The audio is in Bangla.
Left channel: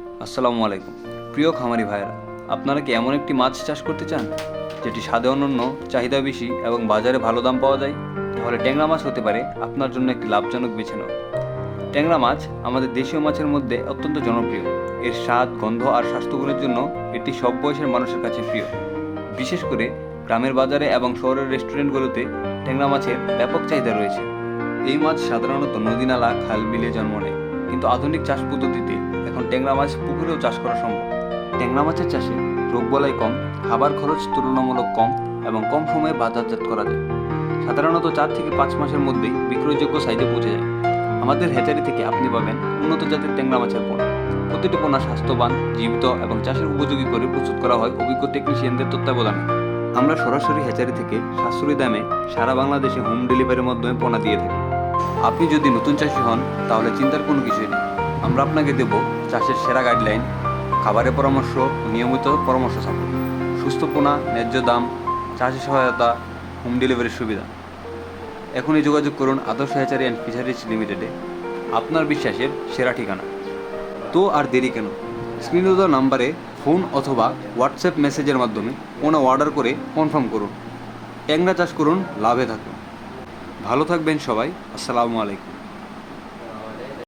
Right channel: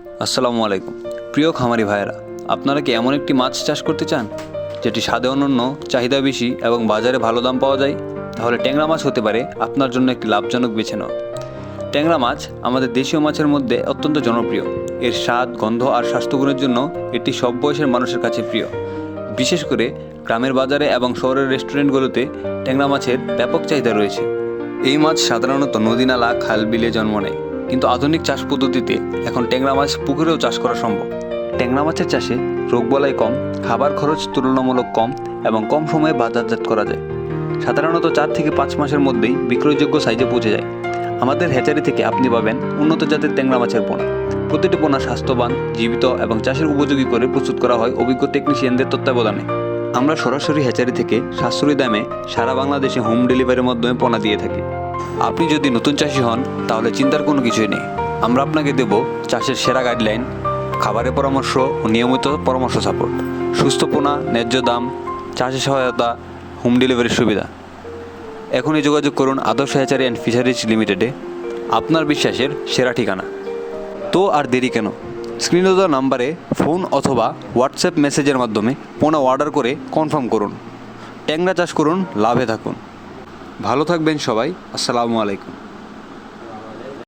আসসালামু আলাইকুম। প্রিয় খামারি ভাইয়েরা, আপনারা কি এমন একটি মাছ চাষ করতে চান যেটি স্বাদে অনন্য, চাহিদা বেশি এবং বাজারে ভালো দাম পাওয়া যায়? তাহলে ট্যাংরা মাছ হতে পারে আপনার জন্য একটি লাভজনক বেছে নেওয়া। ট্যাংরা মাছ আমাদের দেশীয় মাছের মধ্যে অত্যন্ত জনপ্রিয়। এর স্বাদ, গন্ধ আর স্বাস্থ্যগুণের জন্য এটি সব বয়সের মানুষের কাছে প্রিয়। বিশেষ করে গ্রামের বাজারে এবং শহরের রেস্টুরেন্টগুলোতে ট্যাংরা মাছের ব্যাপক চাহিদা রয়েছে। এই মাছ সাধারণত নদী-নালা, খাল, বিলে জন্ম নেয়, কিন্তু আধুনিক চাষ পদ্ধতিতে এখন ট্যাংরা মাছ পুকুরেও চাষ করা সম্ভব। ট্যাংরা মাছের চাষে রোগবালাই কম, খাবার খরচ তুলনামূলক কম এবং কম সময়ে বাজারজাত করা যায়। সাধারণত 4 থেকে 5 মাসের মধ্যেই বিক্রয়যোগ্য সাইজে পৌঁছে যায়। আমাদের হ্যাচারি থেকে আপনি পাবেন উন্নত জাতের ট্যাংরা মাছের পোনা। প্রতিটি পোনা স্বাস্থ্যবান, জীবিত এবং চাষের উপযোগী করে প্রস্তুত করা হয় অভিজ্ঞ টেকনিশিয়ানদের তত্ত্বাবধানে। আমরা সরাসরি হ্যাচারি থেকে সাশ্রয়ী দামে সারা বাংলাদেশে হোম ডেলিভারির মাধ্যমে পোনা দিয়ে থাকি। আপনি যদি নতুন চাষি হন তাহলে চিন্তার কোনো কিছুই নেই। আমরা আপনাকে দেব চাষের সেরা গাইডলাইন, খাবারের পরামর্শ ও নিয়মিত পরামর্শ সাপোর্ট, সুস্থ পোনা, ন্যায্য দাম, চাষে সহায়তা, হোম ডেলিভারির সুবিধা। এখনই যোগাযোগ করুন আদর্শ হ্যাচারি অ্যান্ড ফিশারিজ লিমিটেডে, আপনার বিশ্বাসের সেরা ঠিকানা। তো আর দেরি কেন? স্ক্রিনে দেওয়া নাম্বারে ফোন অথবা হোয়াটসঅ্যাপ মেসেজের মাধ্যমে পোনা অর্ডার করে কনফার্ম করুন। ট্যাংরা চাষ করুন, লাভে থাকুন। ভালো থাকবেন সবাই। আসসালামু আলাইকুম।